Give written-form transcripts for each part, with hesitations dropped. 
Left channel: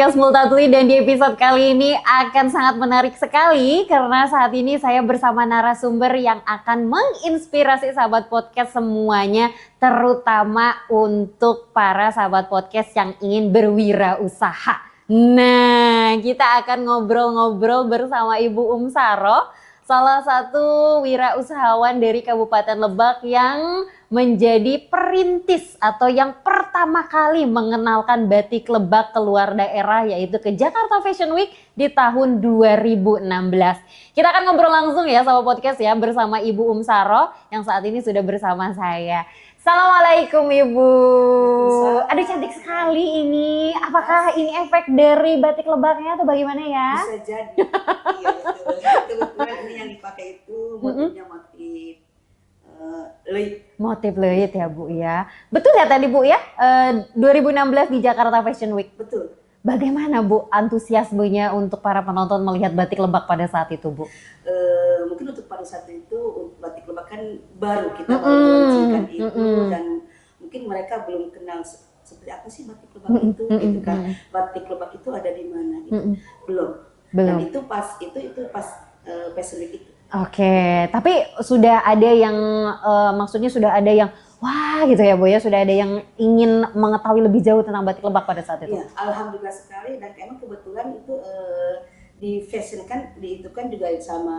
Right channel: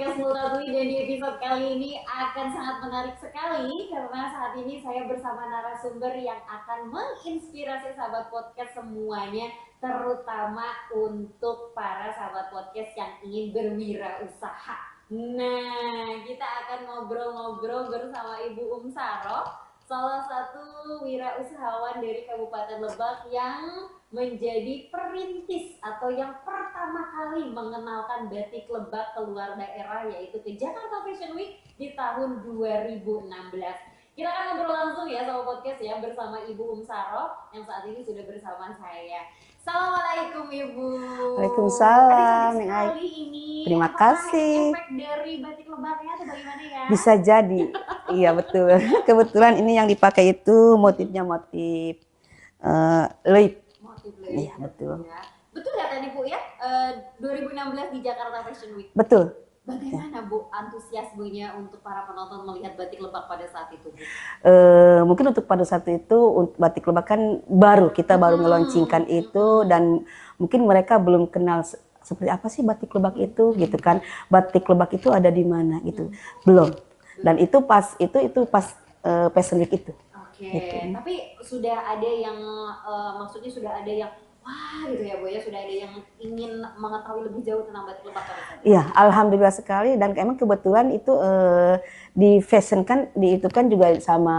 podcast Multatuli, dan di episode kali ini akan sangat menarik sekali karena saat ini saya bersama narasumber yang akan menginspirasi sahabat podcast semuanya, terutama untuk para sahabat podcast yang ingin berwirausaha. Nah, kita akan ngobrol-ngobrol bersama Ibu Saro, salah satu wirausahawan dari Kabupaten Lebak yang menjadi perintis atau yang pertama kali mengenalkan batik Lebak keluar daerah, yaitu ke Jakarta Fashion Week di tahun 2016. Kita akan ngobrol langsung ya sama podcast ya bersama Ibu Saro yang saat ini sudah bersama saya. Assalamualaikum Ibu. Waalaikumsalam. Aduh, cantik sekali ini. Terima Apakah kasih. ini efek dari batik Lebaknya atau bagaimana ya? Bisa jadi. Iya betul. Kebetulan ini yang dipakai itu motifnya motif leit. Motif leit ya Bu ya. Betul ya tadi Bu ya, 2016 di Jakarta Fashion Week. Betul. Bagaimana Bu antusiasmenya untuk para penonton melihat batik Lebak pada saat itu Bu? Mungkin untuk pada saat itu batik Lebak kan baru, kita baru meluncurkan itu dan mungkin mereka belum kenal seperti apa sih batik Lebak itu gitu kan. Batik Lebak itu ada di mana gitu. Belum. Dan itu pas Fashion Week itu. Oke, tapi sudah ada yang maksudnya sudah ada yang wah gitu ya Bu ya, sudah ada yang ingin mengetahui lebih jauh tentang batik Lebak pada saat itu. Iya, alhamdulillah sekali, dan emang kebetulan itu di fashion kan itu kan juga sama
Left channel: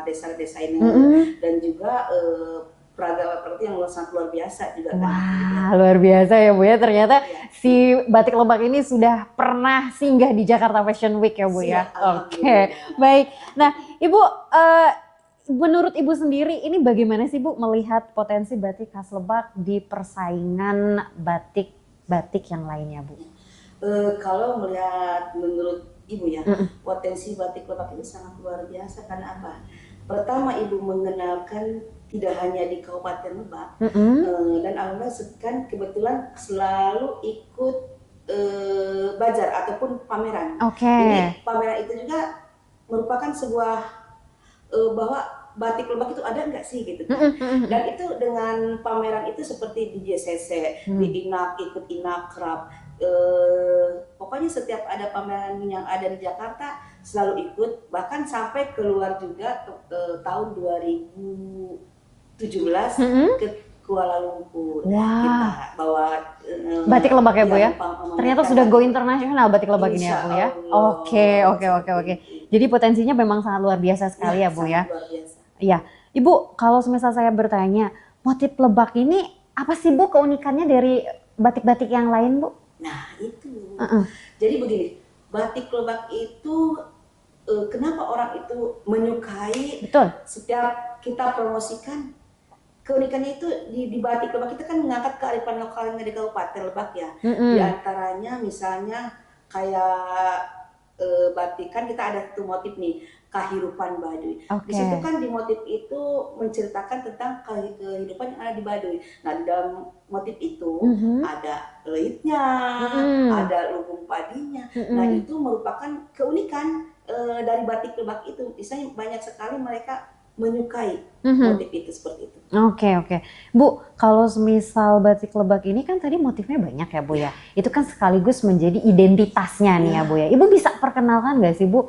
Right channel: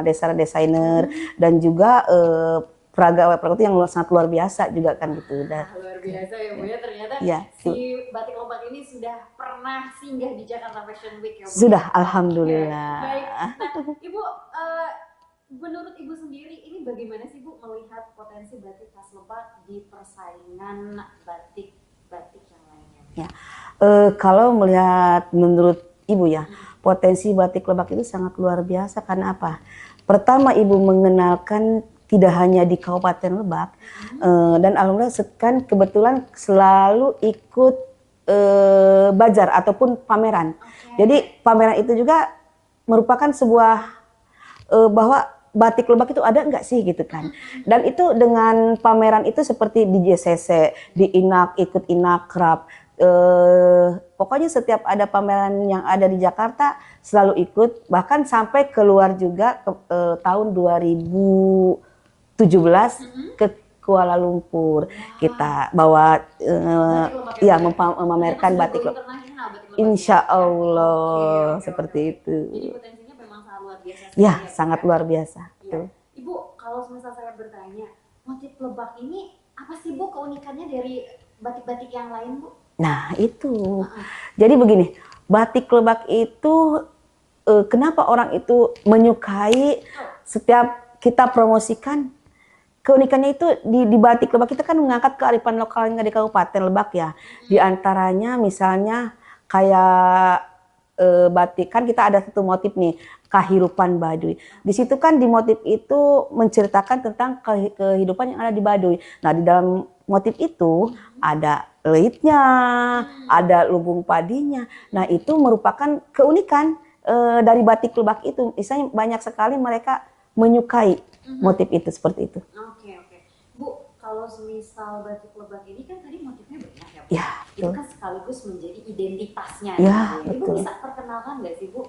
desainer dan juga peraga itu yang sangat luar biasa juga kan gitu. Wah, luar biasa ya Bu ya, ternyata Ya, si batik Lebak ini sudah pernah singgah di Jakarta Fashion Week ya Bu sudah, ya. alhamdulillah. Oke, baik. Nah, Ibu menurut Ibu sendiri ini bagaimana sih Bu melihat potensi batik khas Lebak di persaingan batik-batik yang lainnya Bu? Ya. Kalau melihat menurut Ibu ya, potensi batik Lebak itu sangat luar biasa karena apa? Pertama, Ibu mengenalkan tidak hanya di Kabupaten Lebak, dan alhamdulillah kan kebetulan selalu ikut bazar ataupun pameran. Jadi pameran itu juga merupakan sebuah bahwa batik Lebak itu ada nggak sih gitu kan. Dan itu dengan pameran itu seperti di JCC, di INAK, ikut INAKRAP. Pokoknya setiap ada pameran yang ada di Jakarta selalu ikut, bahkan sampai keluar juga tahun 2017 ke Kuala Lumpur. Kita bawa batik Lebak ya Bu ya? Ternyata sudah go batik internasional batik Lebak ini Insya ya Bu ya? Allah. Oke. Jadi potensinya memang sangat luar biasa sekali ya Bu sangat ya? luar biasa. Iya. Ibu, kalau semisal saya bertanya, motif Lebak ini apa sih Bu keunikannya dari batik-batik yang lain Bu? Nah itu, jadi begini, batik Lebak itu kenapa orang itu menyukai? Betul. Setiap kita promosikan, keunikannya itu di batik Lebak kita kan mengangkat kearifan lokalnya di Kabupaten Lebak ya. Di antaranya misalnya kayak batik, kan kita ada satu motif nih, kehidupan Baduy. Di situ kan di motif itu menceritakan tentang kehidupan yang ada di Baduy. Nah di dalam motif itu ada leitnya, ada lubung padinya. Nah itu merupakan keunikan dari batik Lebak itu. Misalnya banyak sekali mereka menyukai motif itu seperti itu. Oke. Bu, kalau misal batik Lebak ini kan tadi motifnya banyak ya Bu ya? Itu kan sekaligus menjadi identitasnya nih ya Bu ya? Ibu bisa perkenalkan nggak sih Bu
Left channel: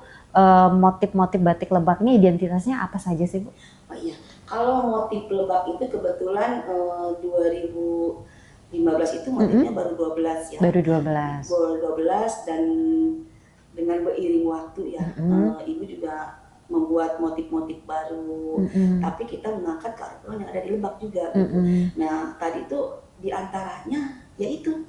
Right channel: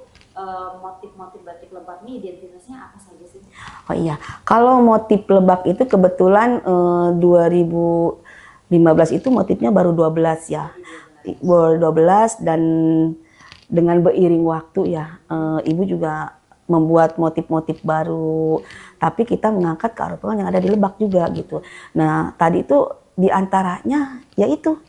motif-motif batik Lebak ini identitasnya apa saja sih Bu? Oh iya, kalau motif Lebak itu kebetulan 2015 itu motifnya baru 12 ya. Baru 12. Baru 12, dan dengan beriring waktu ya, Ibu juga membuat motif-motif baru, tapi kita mengangkat kearifan yang ada di Lebak juga gitu. Nah tadi itu diantaranya yaitu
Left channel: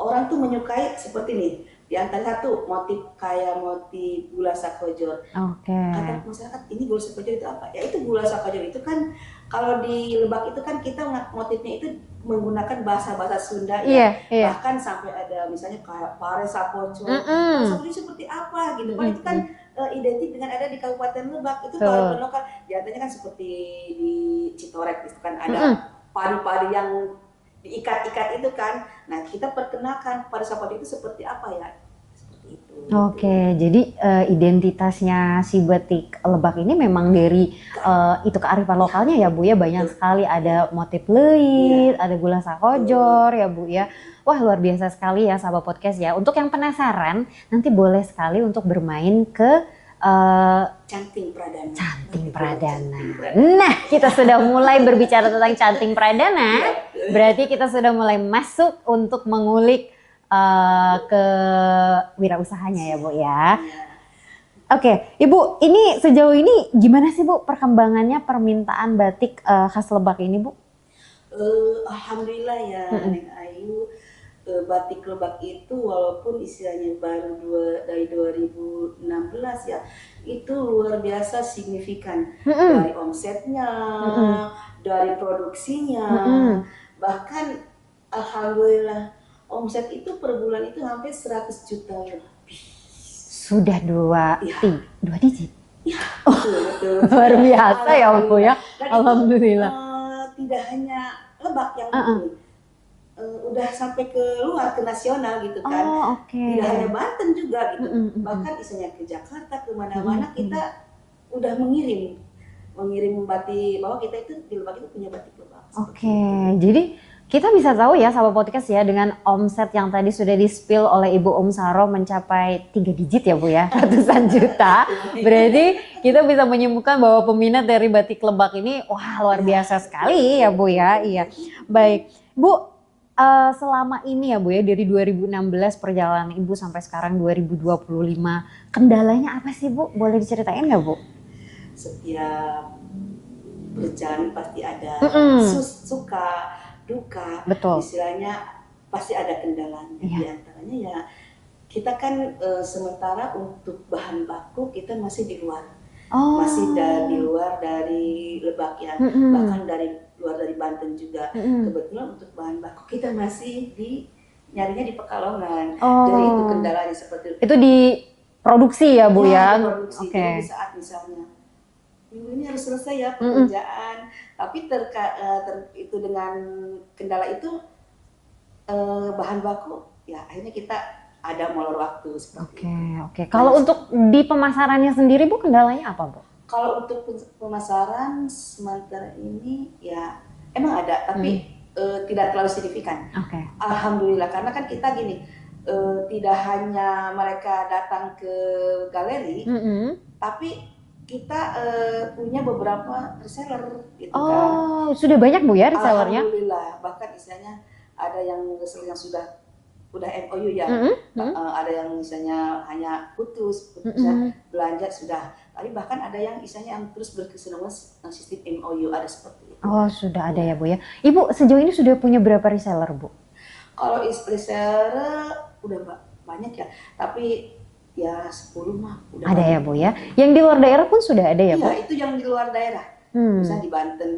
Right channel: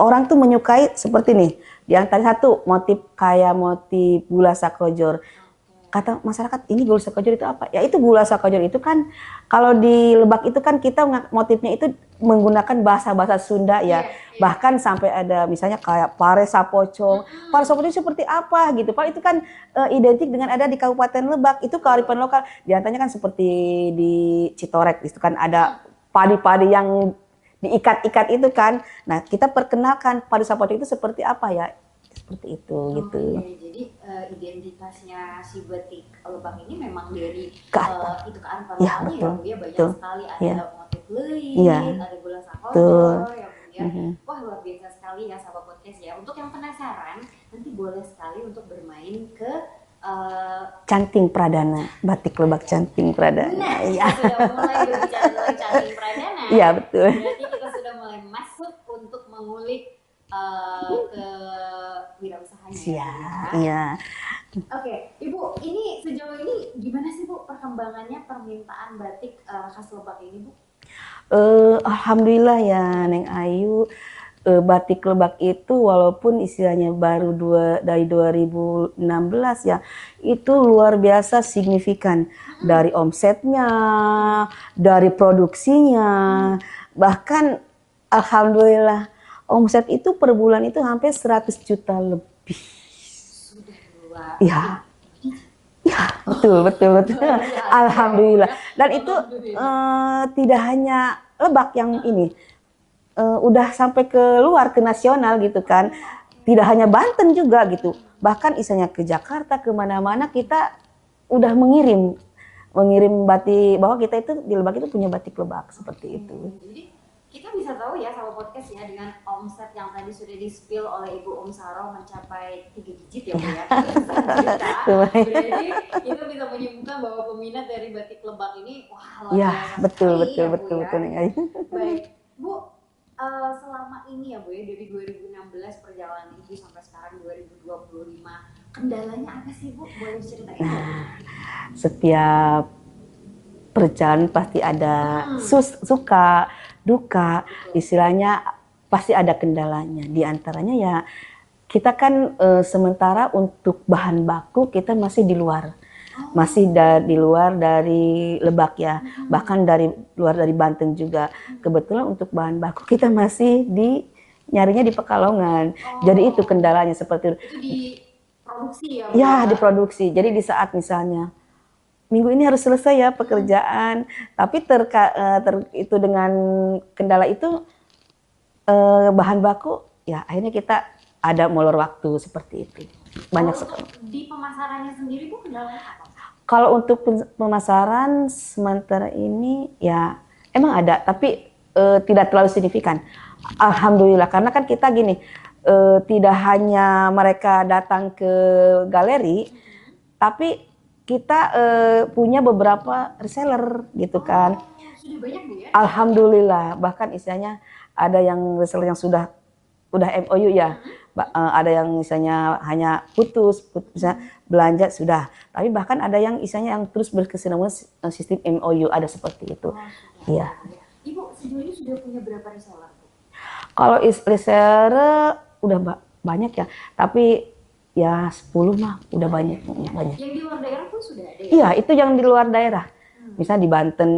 orang tuh menyukai seperti nih. Di antara satu motif kayak motif gula sakojor. Kata masyarakat, ini gula sakojor itu apa? Ya itu gula sakojor itu kan kalau di Lebak itu kan kita motifnya itu menggunakan bahasa-bahasa Sunda ya. Bahkan sampai ada misalnya kayak pare sapoco. Pare sapoco seperti apa gitu. Padahal itu kan identik dengan ada di Kabupaten Lebak. Itu kearifan lokal. Di antaranya kan seperti di Citorek itu kan ada padi-padi yang diikat-ikat itu kan. Nah kita perkenalkan padi sapoco itu seperti apa ya. seperti itu. Oke, gitu. jadi identitasnya si batik Lebak ini memang dari itu kearifan Ya, lokalnya ya betul, Bu ya, banyak betul. sekali ada Ya, motif leit, ya, ada gula betul. sakojor ya Bu ya. Wah luar biasa sekali ya sahabat podcast ya. Untuk yang penasaran nanti boleh sekali untuk bermain ke Canting Pradana, batik Lebak Canting Pradana. Nah, kita sudah mulai berbicara tentang Canting Pradana. Iya, betul. Berarti kita sudah mulai masuk untuk mengulik ke wirausahanya ya Bu ya. Iya. Oke, Ibu, ini sejauh ini gimana sih Bu perkembangannya permintaan batik khas Lebak ini Bu? Alhamdulillah ya Neng Ayu, batik Lebak itu walaupun istilahnya baru dari 2016 ya, itu luar biasa signifikan dari omsetnya, dari produksinya, bahkan alhamdulillah omset itu per bulan itu hampir 100 juta lebih. Sudah dua digit. Ya, betul. Luar biasa Alhamdulillah. ya, Dan alhamdulillah. itu tidak hanya Lebak yang ini. Udah sampai ke luar, ke nasional gitu kan. Tidak hanya Banten juga gitu. Bahkan isanya ke Jakarta, kemana-mana kita udah mengirim batik, bahwa kita itu di Lebak itu punya batik Lebak. Seperti itu. Jadi kita bisa tahu ya sahabat podcast ya, dengan omset yang tadi sudah di-spill oleh Ibu Om Saro mencapai 3 digit ya Bu ya, ratusan juta. Berarti kita bisa menyimpulkan bahwa peminat dari batik Lebak ini wah luar biasa sekali ya Bu ya. Iya. Baik Bu, selama ini ya Bu ya, dari 2016 perjalanan Ibu sampai sekarang 2025, kendalanya apa sih Bu? Boleh diceritain nggak Bu? Setiap perjalanan pasti ada suka, duka. Betul. Istilahnya pasti ada kendalanya. Di antaranya ya kita kan sementara untuk bahan baku kita masih di luar. Masih di luar dari Lebak ya, bahkan luar dari Banten juga. Kebetulan untuk bahan baku kita masih nyarinya di Pekalongan. Jadi itu kendalanya seperti itu. Itu di produksi ya Bu ya? Di produksi. Jadi di saat misalnya minggu ini harus selesai ya pekerjaan, tapi itu dengan kendala itu bahan baku ya akhirnya kita ada molor waktu seperti itu. Kalau untuk di pemasarannya sendiri Bu, kendalanya apa Bu? Kalau untuk pemasaran sementara ini ya emang ada, tapi tidak terlalu signifikan. Alhamdulillah, karena kan kita gini, tidak hanya mereka datang ke galeri, tapi kita punya beberapa reseller gitu kan. Sudah banyak Bu ya resellernya? Alhamdulillah, bahkan istilahnya ada yang reseller yang sudah MOU ya, ada yang misalnya hanya putus belanja sudah, tapi bahkan ada yang istilahnya yang terus berkesinambungan sistem MOU, ada seperti itu. Sudah ada ya Bu ya. Ibu sejauh ini sudah punya berapa reseller Bu? Kalau reseller udah banyak ya, tapi ya 10 mah udah ada banyak ya Bu ya. Yang di luar daerah pun sudah ada ya Bu? Iya, itu yang di luar daerah. Misalnya di Banten,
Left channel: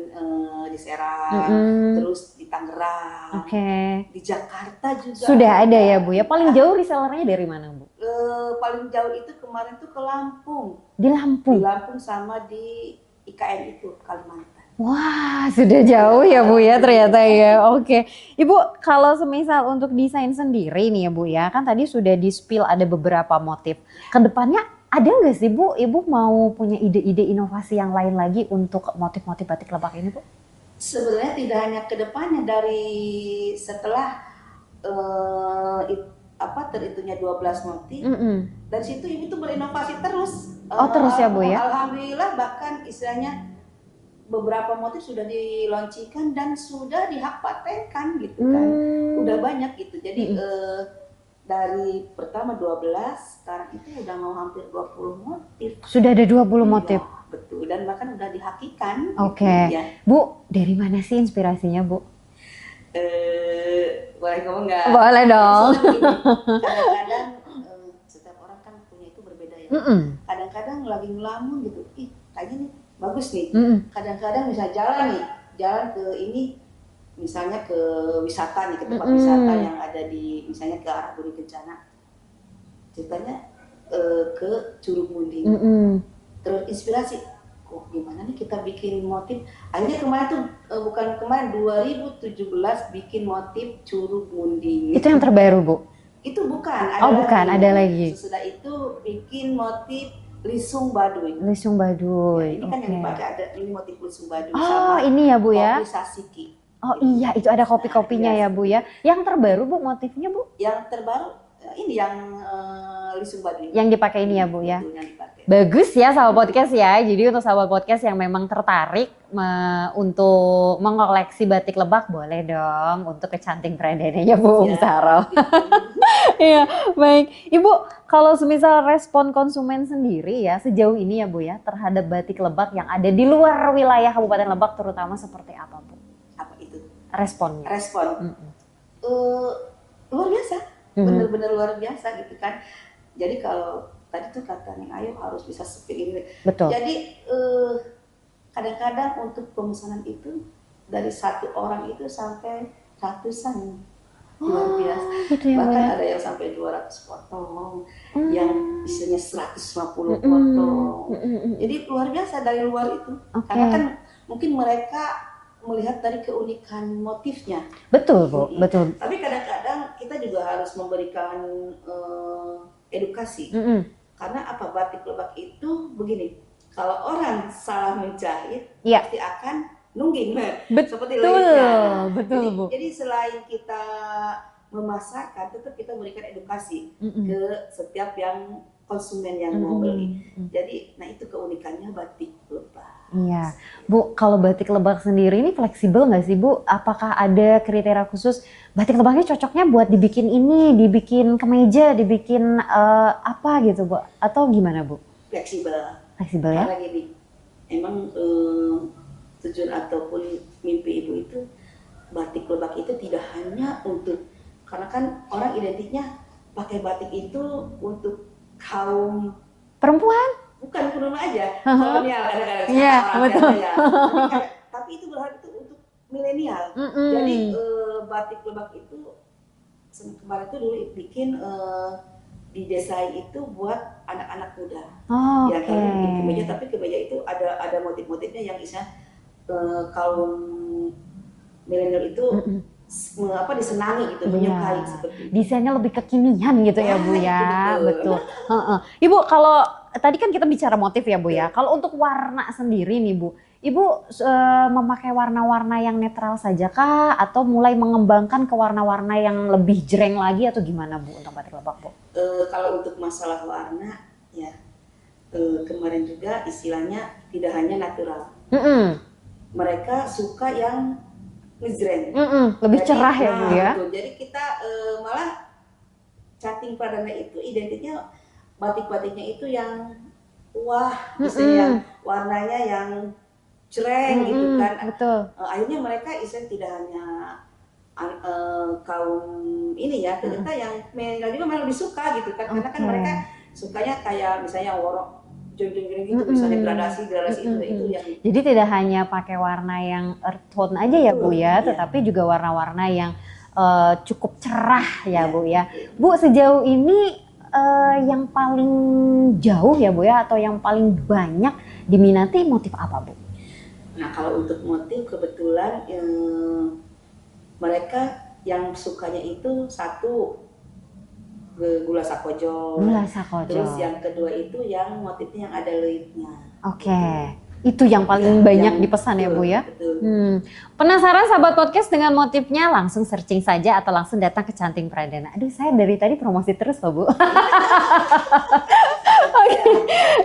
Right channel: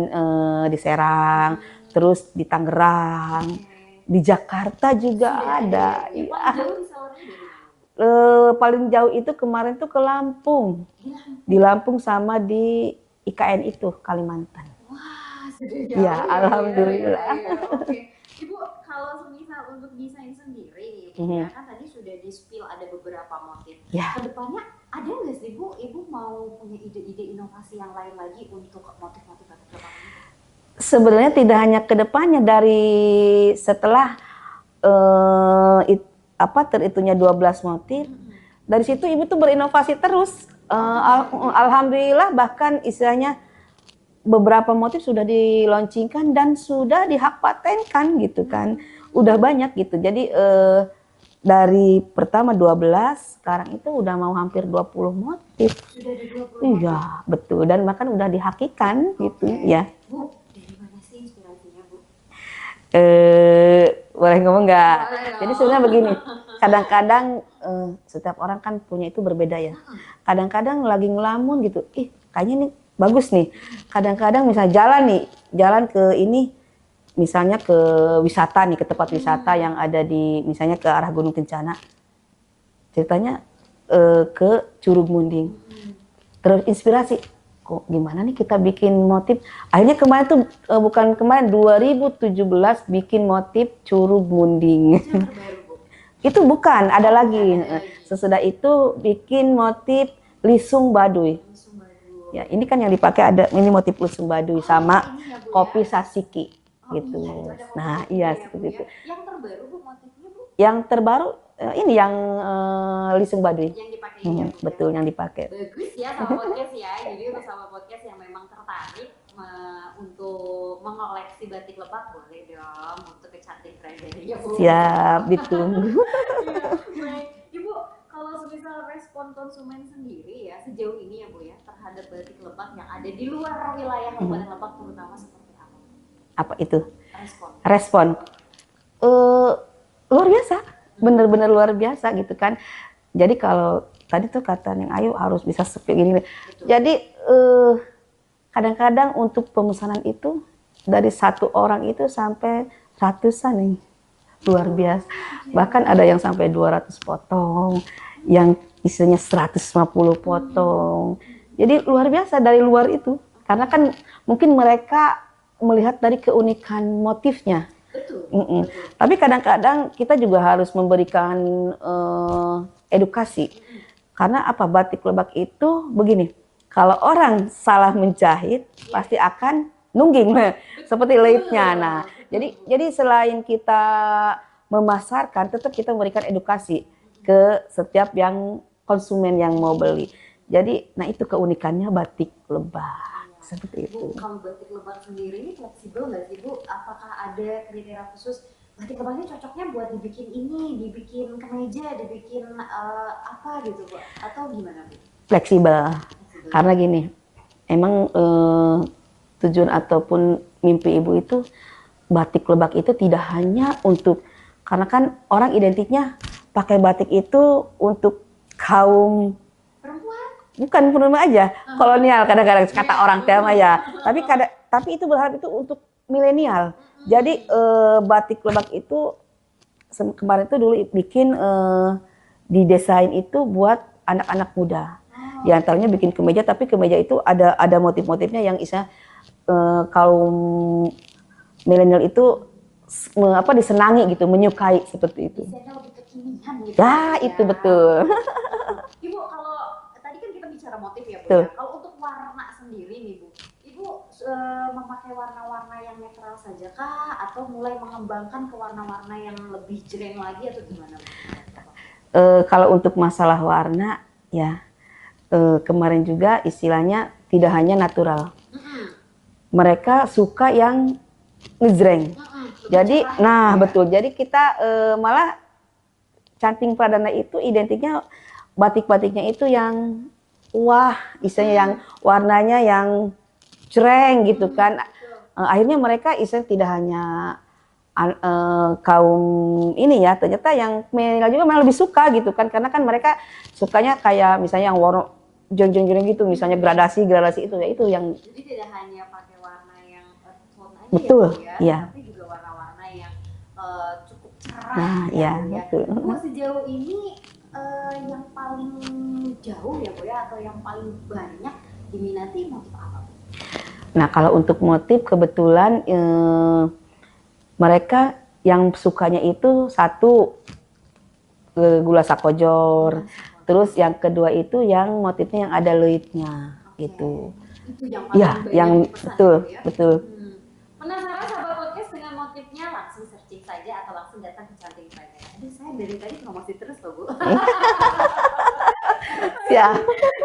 di Serang, terus di Tangerang, di Jakarta juga sudah ada ya Bu ya. Paling jauh resellernya dari mana Bu? Paling jauh itu kemarin tuh ke Lampung. Di Lampung? Di Lampung sama di IKN itu, Kalimantan. Wah, sudah jauh ya Bu ya ternyata ya. Ibu, kalau semisal untuk desain sendiri nih ya Bu ya, kan tadi sudah di-spill ada beberapa motif. Kedepannya ada nggak sih Bu, Ibu mau punya ide-ide inovasi yang lain lagi untuk motif-motif batik Lebak ini Bu? Sebenarnya tidak hanya kedepannya, dari setelah terhitungnya 12 motif, dari situ Ibu tuh berinovasi terus. Terus ya Bu ya? Alhamdulillah, bahkan istilahnya beberapa motif sudah dilaunchingkan dan sudah dihak patenkan gitu kan. Udah banyak gitu. Jadi dari pertama 12, sekarang itu udah mau hampir 20 motif. Sudah ada 20 motif? Ya, betul. Dan bahkan udah dihakikan. Gitu, ya. Bu, dari mana sih inspirasinya Bu? Boleh ngomong nggak? Boleh dong. Jadi sebenarnya begini, kadang-kadang setiap orang kan punya itu berbeda ya. Kadang-kadang lagi ngelamun gitu, kayaknya ini bagus nih. Kadang-kadang misalnya jalan ke ini, misalnya ke wisata nih, ke tempat wisata yang ada di, misalnya ke arah Gunung Kencana. Ceritanya ke Curug Munding. Terus inspirasi, kok gimana nih kita bikin motif. Akhirnya kemarin tuh, 2017 bikin motif Curug Munding. Itu yang terbaru Bu? Itu bukan, ada bukan, lagi. ada lagi. Sesudah itu bikin motif Lisung Baduy. Lisung Baduy. Ya, ini kan yang dipakai ada ini motif Lisung Baduy sama ini ya Bu ya. kopi Sasiki. Oh gitu. iya, itu ada kopi-kopinya iya, ya Bu ya. Yang terbaru Bu motifnya Bu? Yang terbaru ini yang Lisung Baduy. Yang dipakai ini ya Bu ya. Betul, yang dipakai. Bagus ya sahabat podcast ya. Jadi untuk sahabat podcast yang memang tertarik untuk mengoleksi batik Lebak, boleh dong untuk kecanting peradananya Bu. Siap, ditunggu. Iya, baik. Ibu, kalau semisal respon konsumen sendiri ya sejauh ini ya Bu ya terhadap batik Lebak yang ada di luar wilayah Kabupaten Lebak terutama seperti apa Bu? Apa itu? Respon. Luar biasa, bener-bener luar biasa gitu kan. Jadi kalau tadi tuh kata Neng Ayu harus bisa sepi gini. Betul. Jadi kadang-kadang untuk pemesanan itu dari satu orang itu sampai ratusan nih. Luar biasa. Gitu ya, Bahkan ada yang sampai 200 potong, yang istilahnya 150 potong. Jadi luar biasa dari luar itu. Karena kan mungkin mereka melihat dari keunikan motifnya. Betul, Bu. Betul. Tapi kadang-kadang kita juga harus memberikan edukasi. Karena apa, batik Lebak itu begini, kalau orang salah menjahit pasti akan nungging, seperti leitnya. Nah, jadi selain kita memasarkan, tetap kita memberikan edukasi ke setiap yang konsumen yang mau beli. Jadi, nah itu keunikannya batik Lebak. Iya, Bu. Kalau batik Lebak sendiri ini fleksibel nggak sih Bu? Apakah ada kriteria khusus batik Lebaknya cocoknya buat dibikin ini, dibikin kemeja, dibikin apa gitu Bu? Atau gimana Bu? Fleksibel. Karena gini, emang tujuan ataupun mimpi ibu itu batik Lebak itu tidak hanya untuk, karena kan orang identiknya pakai batik itu untuk kaum perempuan, bukan perempuan aja, kolonial kadang-kadang kata orang Telma ya. Tapi itu berharap itu untuk milenial. Jadi batik Lebak itu kemarin itu dulu bikin didesain itu buat anak-anak muda. Di antaranya bikin kemeja, tapi kemeja itu ada motif-motifnya yang kaum milenial itu disenangi gitu, menyukai seperti itu. Desainnya lebih kekinian gitu ya Bu ya. Itu betul. Ibu, kalau tadi kan kita bicara motif ya Bu ya. Kalau untuk warna sendiri nih Bu, Ibu memakai warna-warna yang netral saja kah? Atau mulai mengembangkan ke warna-warna yang lebih jreng lagi atau gimana Bu? Kalau untuk masalah warna ya, kemarin juga istilahnya tidak hanya natural. Mereka suka yang ngejreng, lebih cerah ya. Nah betul, jadi kita malah canting pradana itu identiknya batik-batiknya itu yang wah, misalnya yang warnanya yang jreng gitu kan. Akhirnya mereka tidak hanya kaum ini ya, ternyata yang milenial juga malah lebih suka gitu kan, karena kan mereka sukanya kayak misalnya yang warna jreng-jreng gitu, misalnya gradasi itu yang. Jadi tidak hanya pakai warna yang earth tone aja ya Bu ya, tetapi juga warna-warna yang cukup cerah ya Bu ya. Bu, sejauh ini yang paling jauh ya Bu ya, atau yang paling banyak diminati motif apa Bu? Nah kalau untuk motif kebetulan mereka yang sukanya itu satu gula sakojor. Terus yang kedua itu yang motifnya yang ada leitnya. Itu yang paling banyak dipesan ya Bu ya. Betul. Penasaran sahabat podcast dengan motifnya? Langsung searching saja atau langsung datang ke Canting Pradana. Aduh, saya dari tadi promosi terus loh Bu.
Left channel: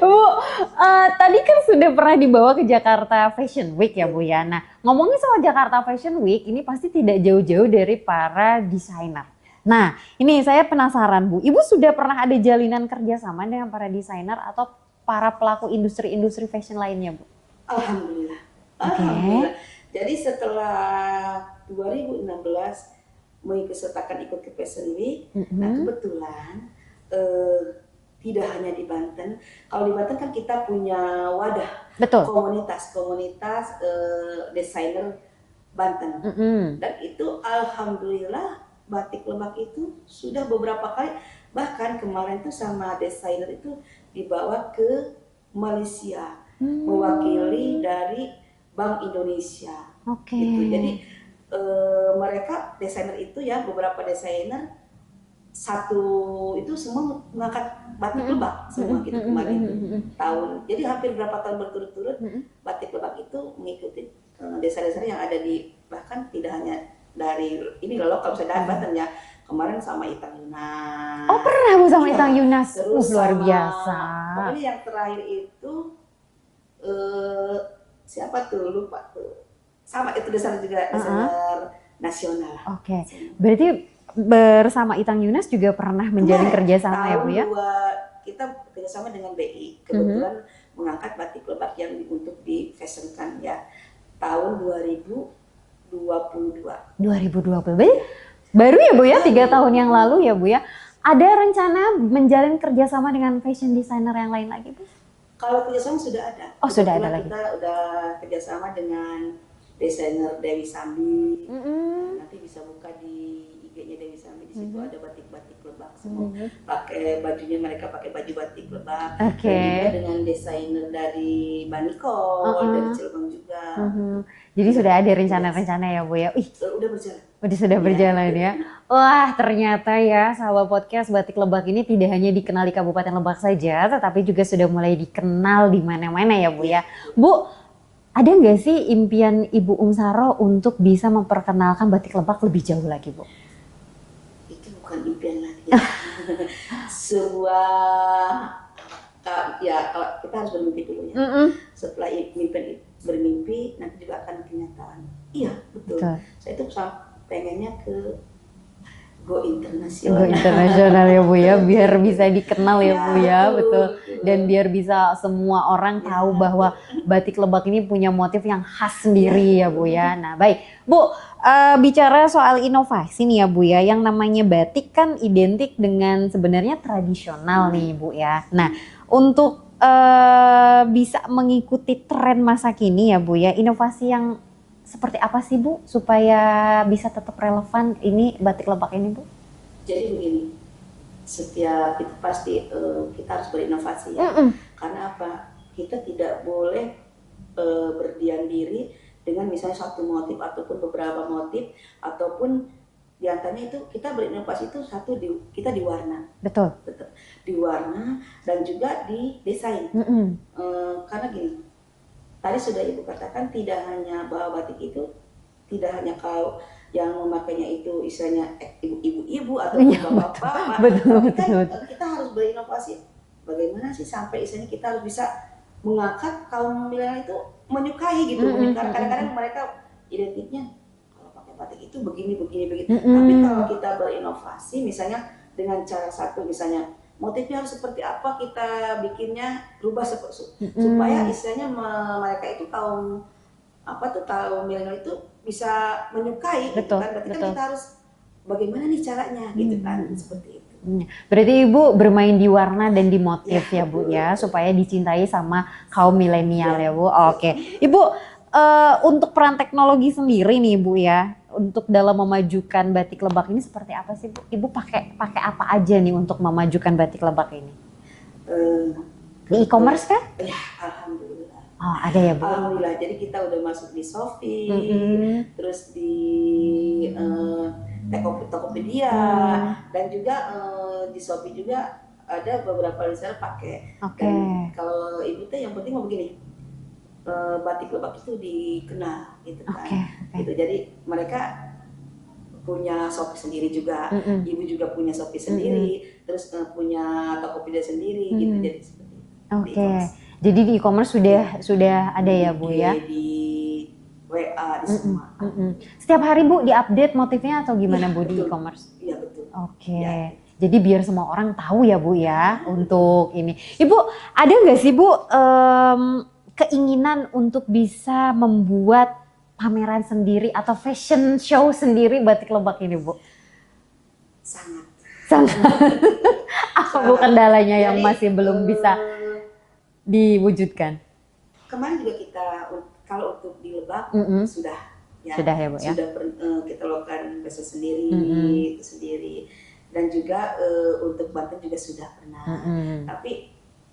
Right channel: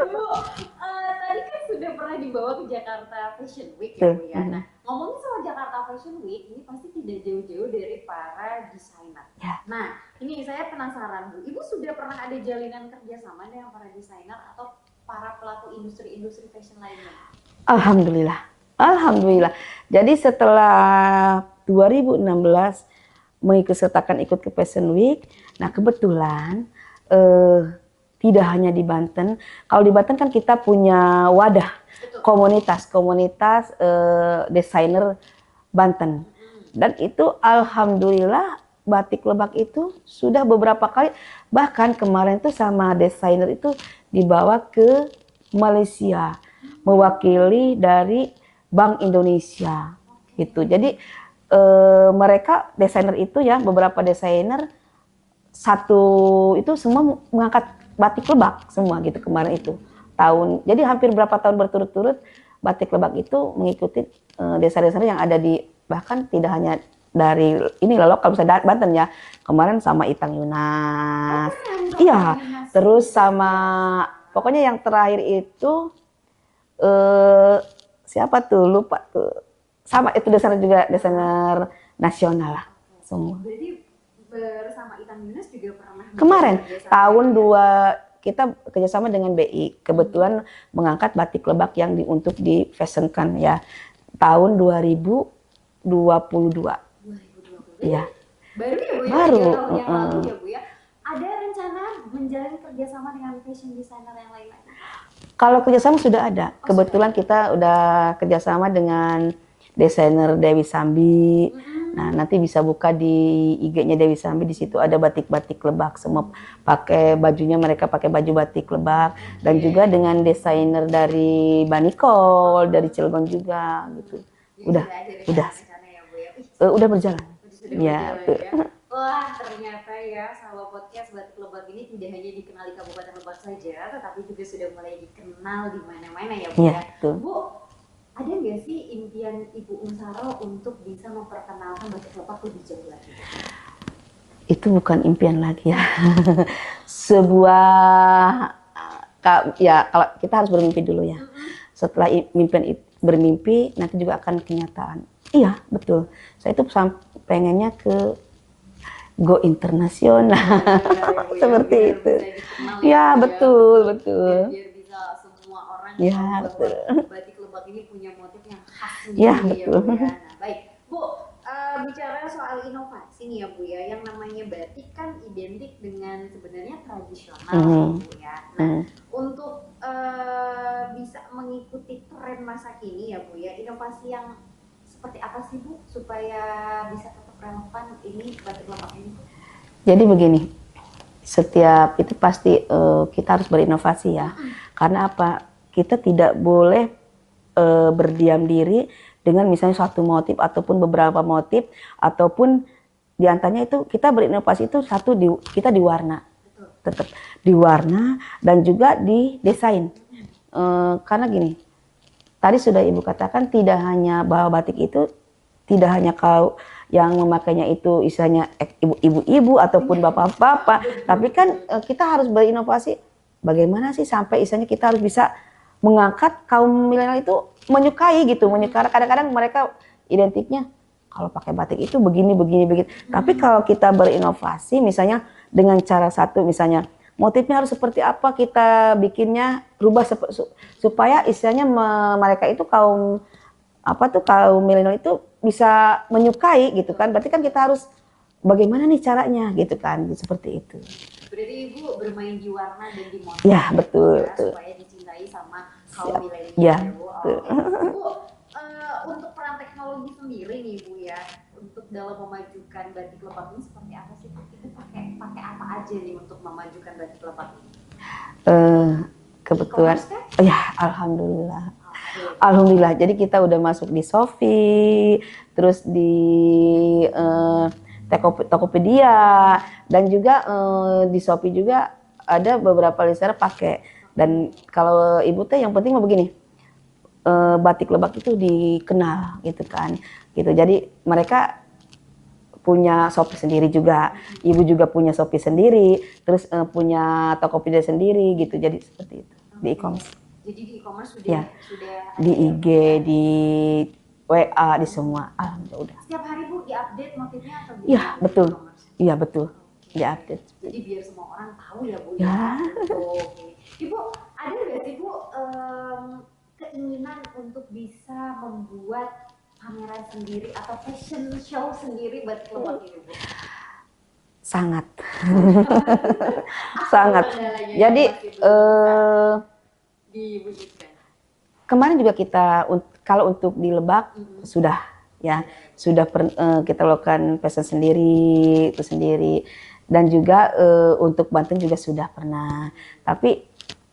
Bu, tadi kan sudah pernah dibawa ke Jakarta Fashion Week ya Bu ya. Nah, ngomongin soal Jakarta Fashion Week, ini pasti tidak jauh-jauh dari para desainer. Nah, ini saya penasaran Bu, Ibu sudah pernah ada jalinan kerjasama dengan para desainer atau para pelaku industri-industri fashion lainnya Bu? Alhamdulillah. Alhamdulillah. Jadi setelah 2016 ikut ke Fashion Week, nah kebetulan tidak hanya di Banten. Kalau di Banten kan kita punya wadah, komunitas desainer Banten. Dan itu alhamdulillah batik Lebak itu sudah beberapa kali, bahkan kemarin tuh sama desainer itu dibawa ke Malaysia, mewakili dari Bank Indonesia. Gitu. Jadi mereka desainer itu ya, beberapa desainer satu itu semua mengangkat batik Lebak semua gitu kemarin itu tahun. Jadi hampir berapa tahun berturut-turut batik Lebak itu mengikuti desa-desa yang ada di, bahkan tidak hanya dari ini lokal, misalnya Banten ya. Kemarin sama Itang Yunas. Oh pernah Bu sama iya, Itang Yunas. Terus Luar sama biasa. pokoknya yang terakhir itu siapa tuh lupa tuh. Sama itu desainer juga, desainer nasional lah. Oke. Semua. Berarti bersama Itang Yunas juga pernah menjadi Kemarin kerjasama tahun ya, Bu, ya? kita kerjasama dengan BI, kebetulan mengangkat batik Lebak yang untuk difashionkan ya tahun 2022. 2020. Iya. Baru ya Bu ya, Baru. 3 tahun yang lalu ya Bu ya. Ada rencana menjalin kerjasama dengan fashion designer yang lain lagi Bu? Kalau kerjasama sudah ada. Oh, sudah Kebetulan ada kita udah kerjasama dengan desainer Dewi Sambi. Nah, nanti bisa buka di IG-nya Dewi Sambi, di situ ada batik-batik Lebak semua. Pakai bajunya, mereka pakai baju batik Lebak. Dan juga dengan desainer dari Banikol, dari Cilegon juga. Jadi sudah ada rencana-rencana ya Bu ya? Ih, Udah berjalan. sudah berjalan ya. Wah ternyata ya sahabat podcast Batik Lebak ini tidak hanya dikenal di Kabupaten Lebak saja, tetapi juga sudah mulai dikenal di mana-mana ya Bu ya. Betul. Bu, ada nggak sih impian Ibu Umsaro untuk bisa memperkenalkan Batik Lebak lebih jauh lagi Bu? Itu bukan impian lagi ya. Sebuah ya kalau kita harus bermimpi dulu ya. Setelah bermimpi nanti juga akan kenyataan. Iya, betul. Saya itu pengennya ke go internasional. Internasional ya Bu ya, biar bisa dikenal ya Bu ya, betul. Dan biar bisa semua orang tahu bahwa Batik Lebak ini punya motif yang khas sendiri ya Bu ya. Nah baik, Bu, bicara soal inovasi nih ya Bu ya, yang namanya batik kan identik dengan sebenarnya tradisional nih Bu ya. Nah untuk bisa mengikuti tren masa kini ya Bu ya, inovasi yang seperti apa sih Bu supaya bisa tetap relevan ini Batik Lebak ini Bu? Jadi begini, setiap itu pasti kita harus berinovasi ya. Karena apa? Kita tidak boleh berdiam diri dengan misalnya satu motif ataupun beberapa motif, ataupun diantaranya itu kita berinovasi itu kita di warna. Betul. Tetap di warna dan juga di desain. Karena gini, tadi sudah Ibu katakan tidak hanya bahwa batik itu tidak hanya kau yang memakainya itu istilahnya ibu-ibu ataupun bapak-bapak, tapi kan kita harus berinovasi. Bagaimana sih sampai istilahnya kita harus bisa mengangkat kaum milenial itu menyukai gitu, kadang-kadang mereka identiknya kalau pakai batik itu begini. Tapi kalau kita berinovasi misalnya dengan cara satu, misalnya motifnya harus seperti apa, kita bikinnya rubah supaya istilahnya mereka itu kaum milenial itu bisa menyukai gitu kan. Berarti kan kita harus bagaimana nih caranya gitu kan, seperti itu. Berarti Ibu bermain di warna dan di motif ya Bu ya, supaya dicintai sama kaum milenial ya Bu. Oke. Ibu, untuk peran teknologi sendiri nih Bu ya, untuk dalam memajukan Batik Lebak ini seperti apa sih Bu? Ibu pakai apa aja nih untuk memajukan Batik Lebak ini? E-commerce kan? Ya, alhamdulillah. Oh, ada ya Bu? Alhamdulillah. Jadi kita udah masuk di Shopee, terus di Tokopedia, dan juga di Shopee juga ada beberapa listener pakai. Dan kalau Ibu teh yang penting mah begini, Batik Lebak itu dikenal gitu kan. Gitu. Jadi mereka punya Shopee sendiri juga, Ibu juga punya Shopee sendiri, terus punya Tokopedia sendiri gitu. Jadi seperti itu. Di e-commerce. Jadi di e-commerce sudah ada di ya Bu ya? Di WA, di semua. Setiap hari Bu diupdate motifnya atau gimana Bu betul. di e-commerce? Iya betul. Jadi biar semua orang tahu ya Bu ya untuk ini. Ibu ada nggak sih Bu keinginan untuk bisa membuat pameran sendiri atau fashion show sendiri Batik Lebak ini Bu? Sangat. Apa Bu kendalanya yang masih belum bisa diwujudkan? Kemarin juga kita kalau untuk di Lebak sudah ya Bu, sudah kita lakukan fashion sendiri itu sendiri, dan juga untuk Banten juga sudah pernah. Tapi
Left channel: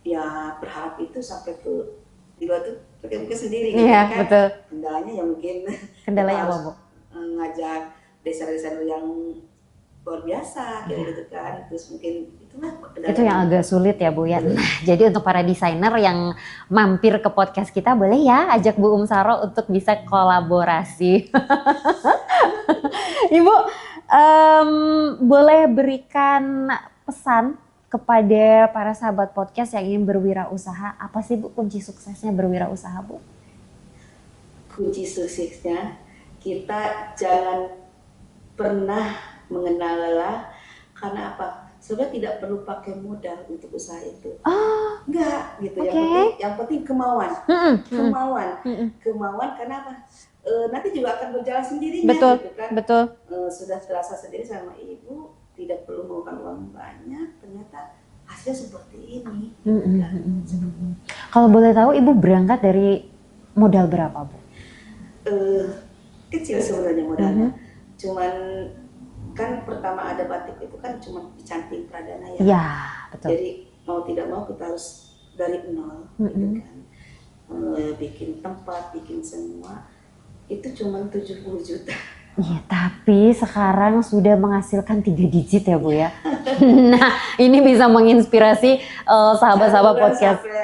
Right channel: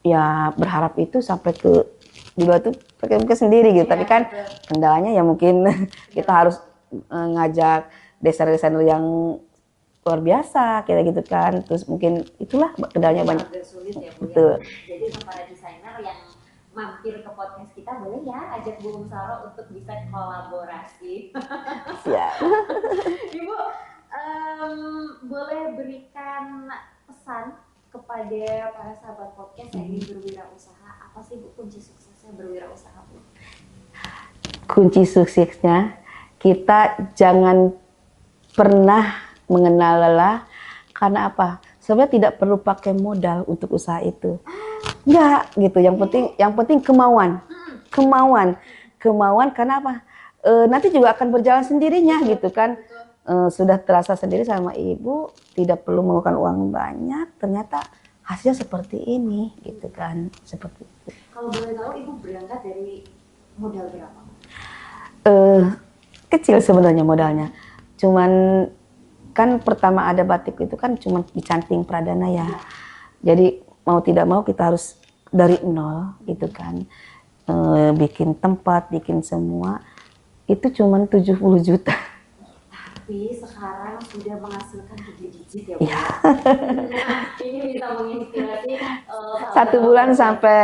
ya berharap itu sampai ke di Batu pakai sendiri gitu kan. Betul. Kendalanya ya mungkin kita harus ngajak desainer-desainer yang luar biasa kayak gitu kan. Terus mungkin itulah Itu kendalanya. yang agak sulit ya Bu ya. Betul. Nah, jadi untuk para desainer yang mampir ke podcast kita boleh ya ajak Bu Saro untuk bisa kolaborasi. Ya. Ibu boleh berikan pesan kepada para sahabat podcast yang ingin berwirausaha. Apa sih Bu kunci suksesnya berwirausaha Bu? Kunci suksesnya kita jangan pernah mengenal lelah. Karena apa? Sebenarnya tidak perlu pakai modal untuk usaha itu. Enggak gitu. Yang penting kemauan. Kemauan karena apa? Nanti juga akan berjalan sendirinya. Betul, gitu kan. Betul. Sudah terasa sendiri sama ibu, tidak perlu mengeluarkan uang banyak, ternyata hasil seperti ini. Gitu kan. Seperti itu. Kalau boleh tahu ibu berangkat dari modal berapa Bu? Kecil sebenarnya modalnya. Cuman kan pertama ada batik itu kan cuma dicanting pradana ya. Iya, betul. Jadi mau tidak mau kita harus dari nol gitu kan. Bikin tempat, bikin semua itu cuma 70 juta. Iya, tapi sekarang sudah menghasilkan 3 digit ya Bu ya. Nah, ini bisa menginspirasi Satu sahabat-sahabat bulan podcast. sampai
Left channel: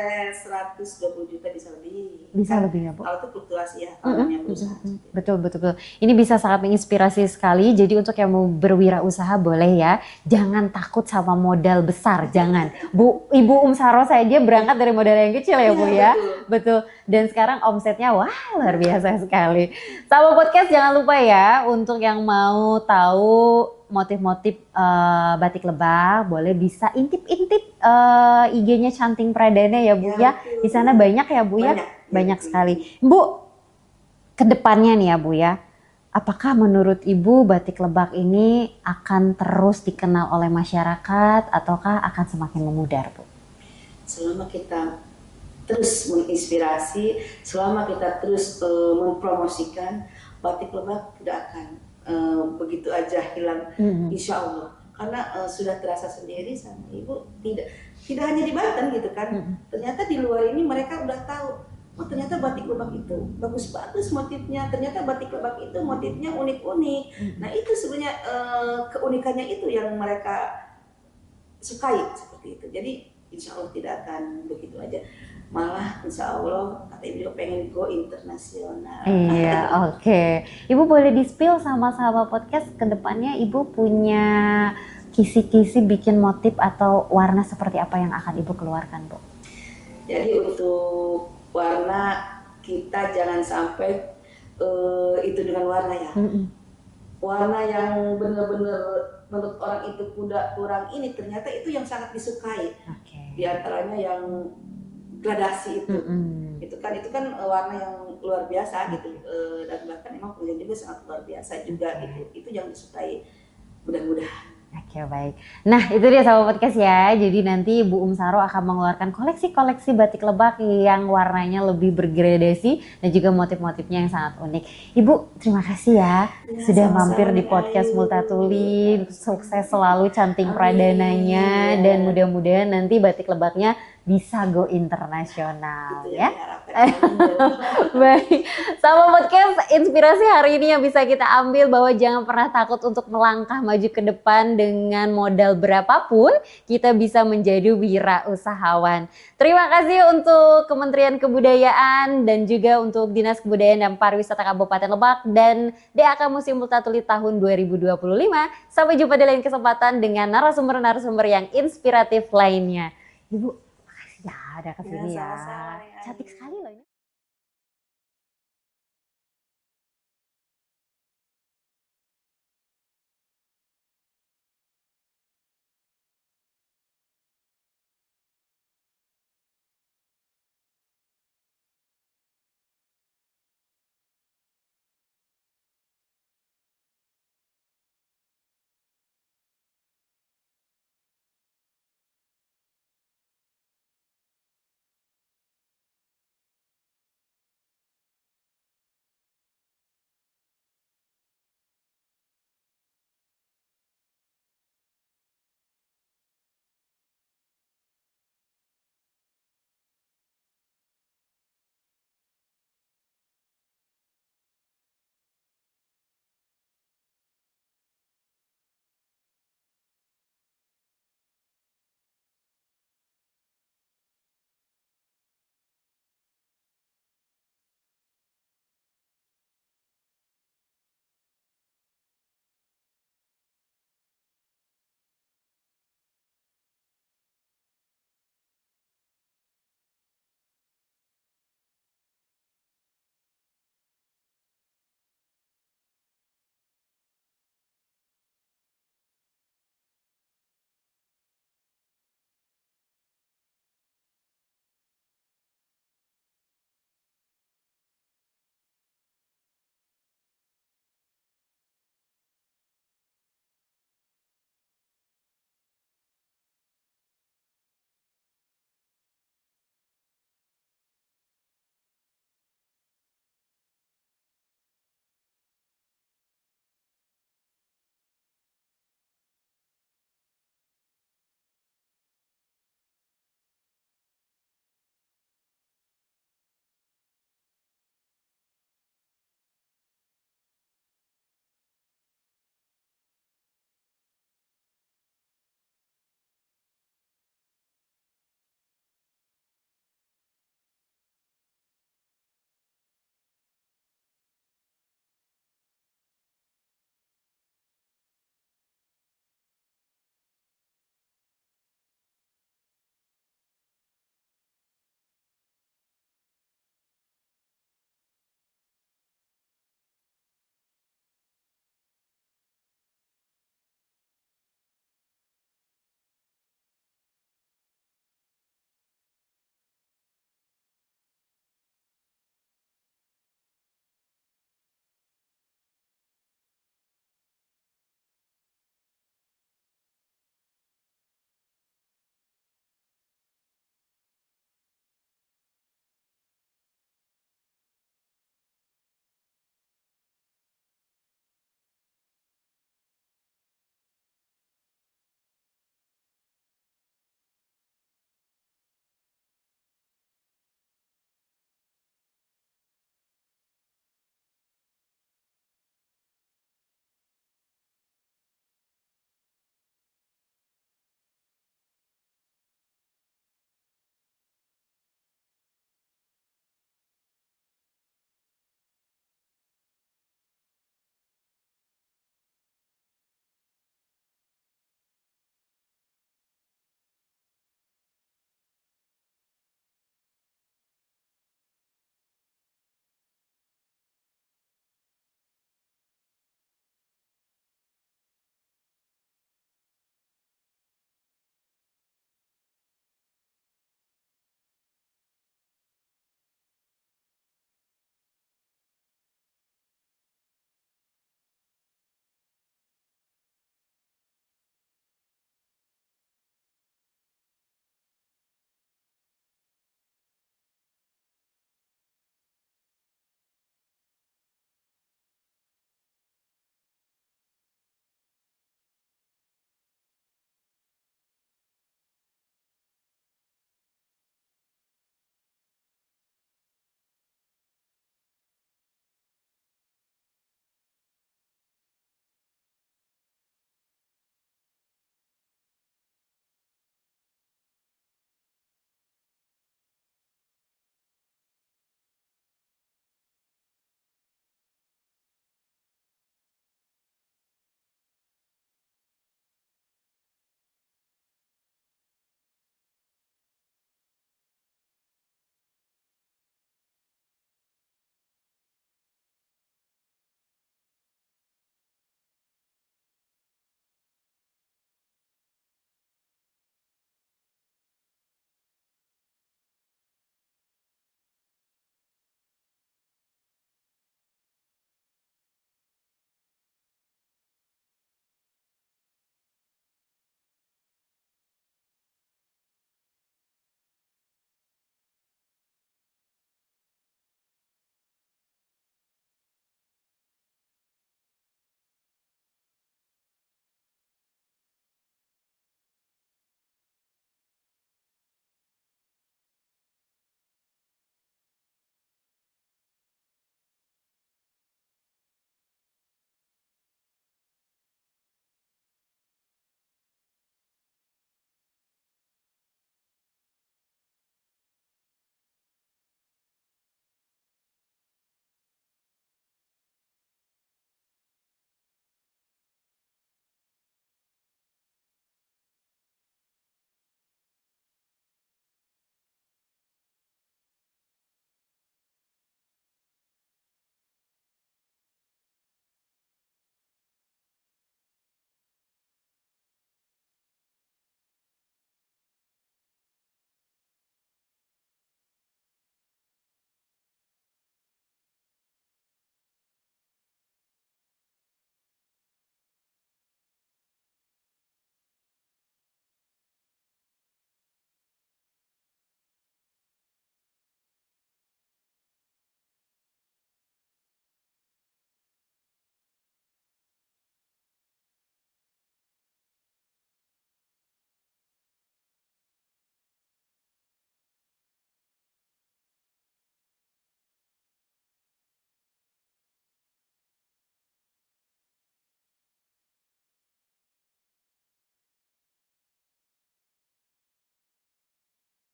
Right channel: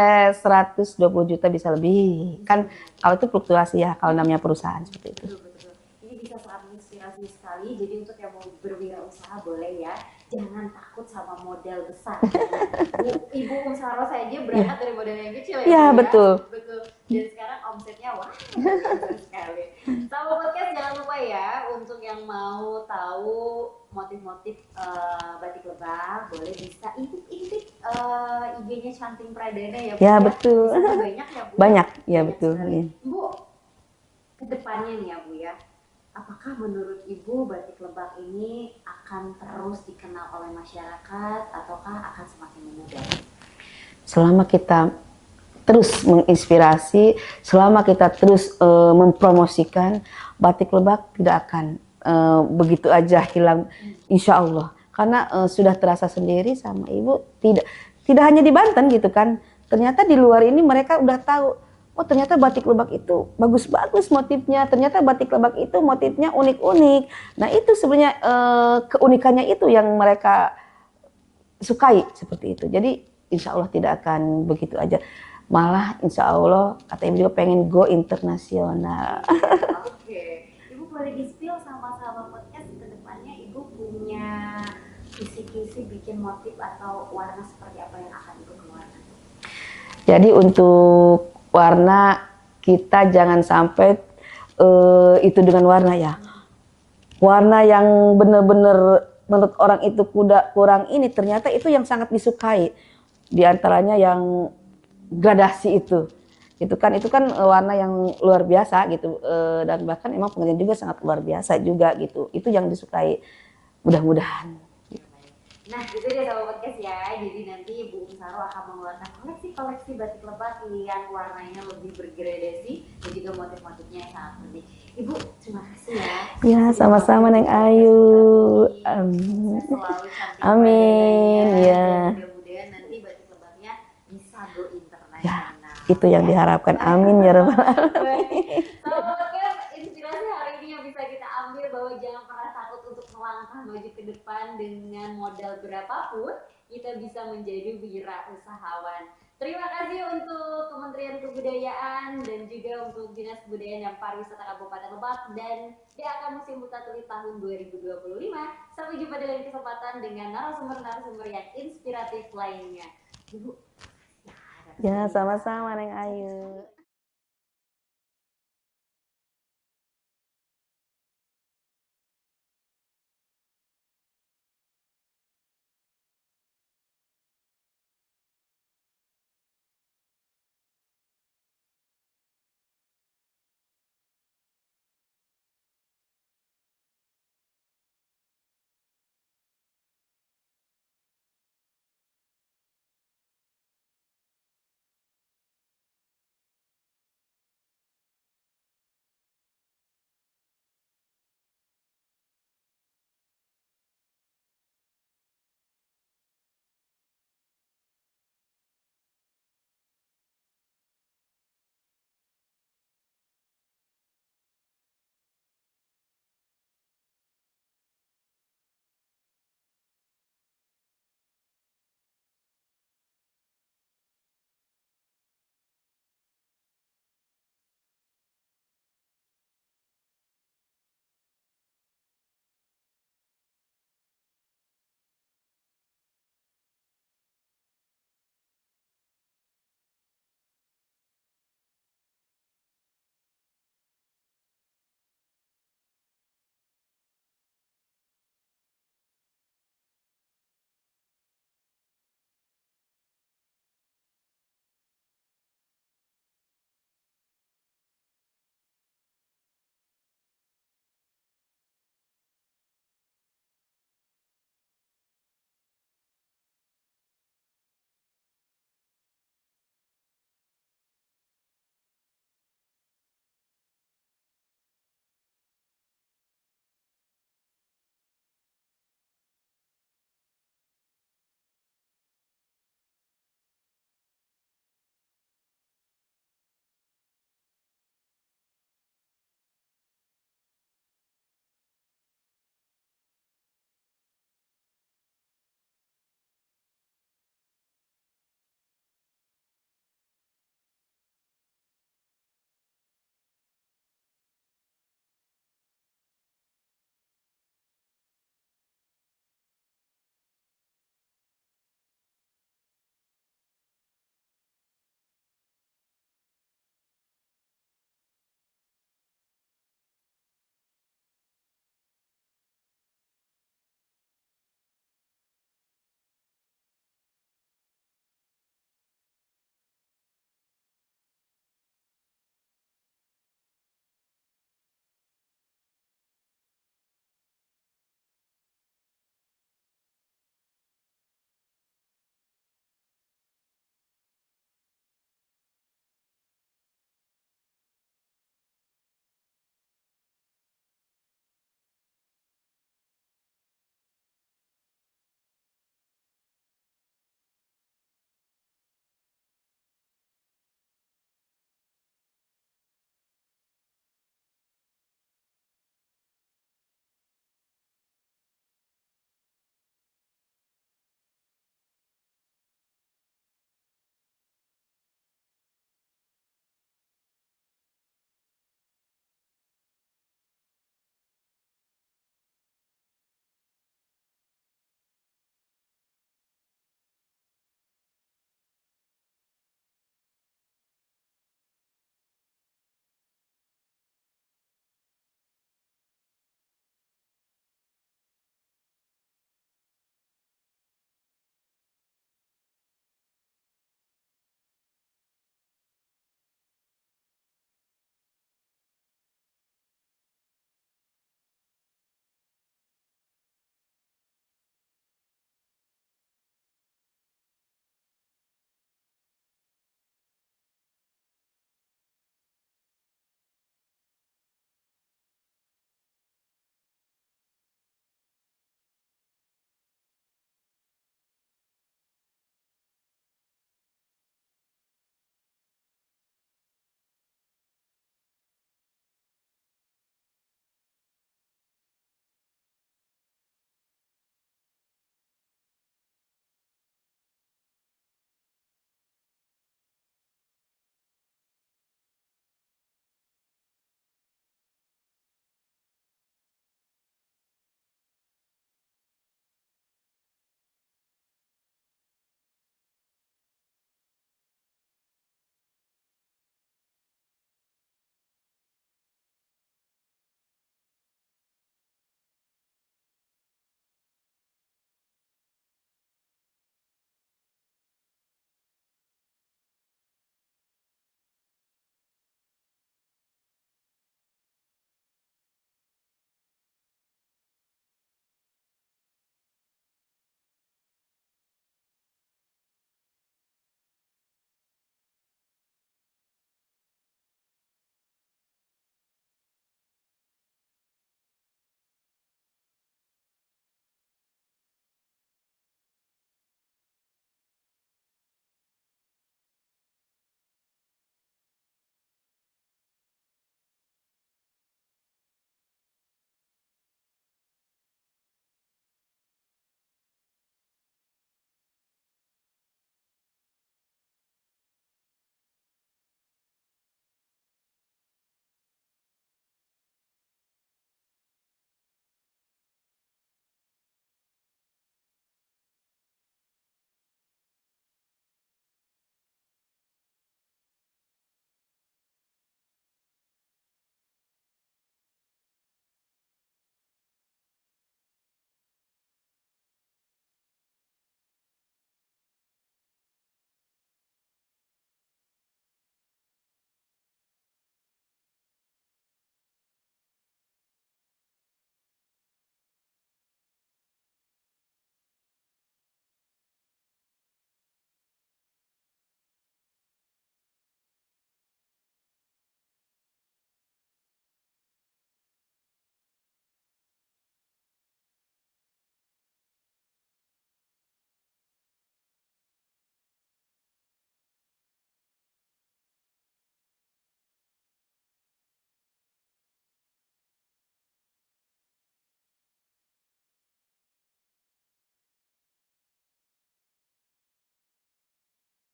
120 juta bisa lebih. Bisa Kan lebih ya, Bu. kalau itu fluktuasi ya, kalau namanya perusahaan. Gitu. Betul. Ini bisa sangat menginspirasi sekali. Jadi untuk yang mau berwirausaha boleh ya. Jangan takut sama modal besar, jangan. Ibu Saro saja berangkat dari modal yang kecil ya Bu ya. Betul. Dan sekarang omsetnya wah luar biasa sekali. Sahabat podcast jangan lupa ya untuk yang mau tahu motif-motif batik lebak boleh bisa intip-intip IG-nya Canting Pradana ya Bu ya. Betul. Di sana banyak ya Bu Banyak, ya. Banyak sekali. Bu, kedepannya nih ya Bu ya, apakah menurut Ibu batik lebak ini akan terus dikenal oleh masyarakat ataukah akan semakin memudar? Selama kita terus menginspirasi, selama kita terus mempromosikan, batik lebak tidak akan begitu aja hilang, insya Allah. Karena sudah terasa sendiri sama ibu, tidak hanya di Banten gitu kan. Ternyata di luar ini mereka udah tahu, oh ternyata batik lebak itu bagus-bagus motifnya, ternyata batik lebak itu motifnya unik-unik. Nah itu sebenarnya keunikannya itu yang mereka sukai seperti itu. Jadi insya Allah tidak akan begitu aja. Malah insya Allah kata ibu juga pengen go internasional. Iya, oke. Ibu boleh di-spill sama sahabat podcast ke depannya ibu punya kisi-kisi bikin motif atau warna seperti apa yang akan ibu keluarkan Bu? Jadi untuk warna kita jangan sampai itu dengan warna ya. Warna yang benar-benar menurut orang itu kurang ini, ternyata itu yang sangat disukai. Di antaranya yang gradasi itu. Itu kan warna yang luar biasa gitu, dan bahkan emang pengrajin juga sangat luar biasa juga gitu. Itu yang disukai, mudah-mudahan. Oke, baik. Nah itu dia sahabat podcast ya. Jadi nanti Bu Saro akan mengeluarkan koleksi-koleksi batik lebak yang warnanya lebih bergradasi dan juga motif-motifnya yang sangat unik. Ibu terima kasih ya, sudah sama-sama, mampir di Neng podcast Ayu. Multatuli. Sukses selalu Canting Pradananya dan mudah-mudahan nanti batik lebaknya bisa go internasional. Itu yang ya? diharapkan. Amin ya Rabbal. Baik, sama podcast inspirasi hari ini yang bisa kita ambil bahwa jangan pernah takut untuk melangkah maju ke depan dengan modal berapapun kita bisa menjadi wirausahawan. Terima kasih untuk Kementerian Kebudayaan dan juga untuk Dinas Kebudayaan dan Pariwisata Kabupaten Lebak dan DAK Museum Multatuli tahun 2025. Sampai jumpa di lain kesempatan dengan narasumber-narasumber yang inspiratif lainnya. Ibu, makasih ya udah kesini. Ya sama-sama Neng Ayu. Cantik sekali loh.